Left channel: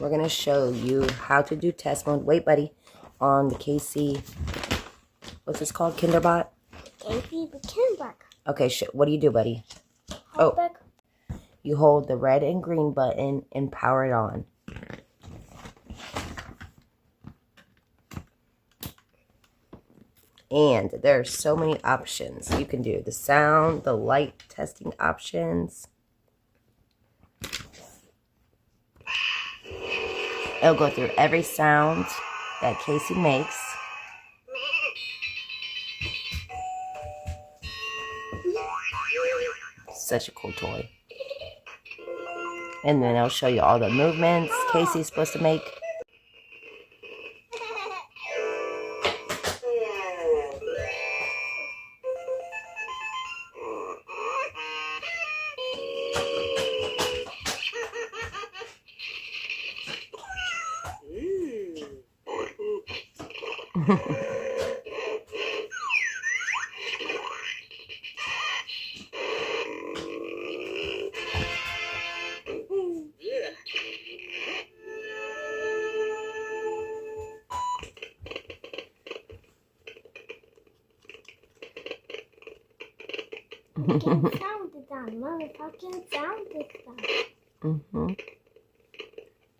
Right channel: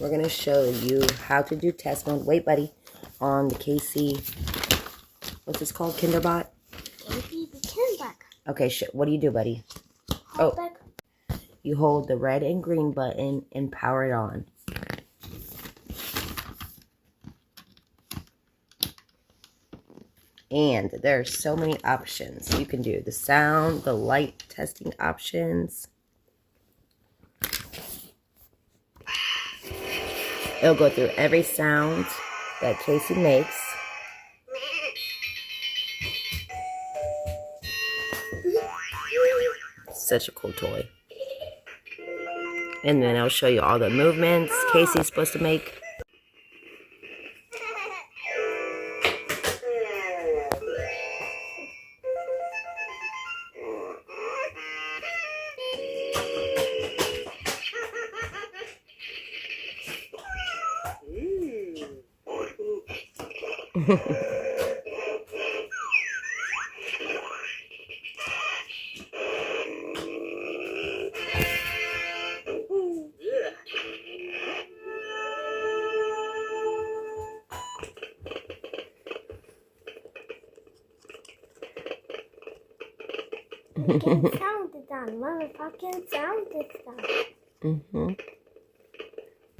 we're going to show you how to do test mode. Wait, buddy. On the KASEY, what's this called? KINDERBOT? KASEY the KINDERBOT. Okay, what do you do, buddy? You hold the red and green button and power it on. And there are so many options you can do. The sound, the light testing options. It'll go through every sound that KASEY makes. Such a cool toy. And then it'll show you all the movements KASEY's supposed to make. Fucking sound it down. Motherfucking sound it down.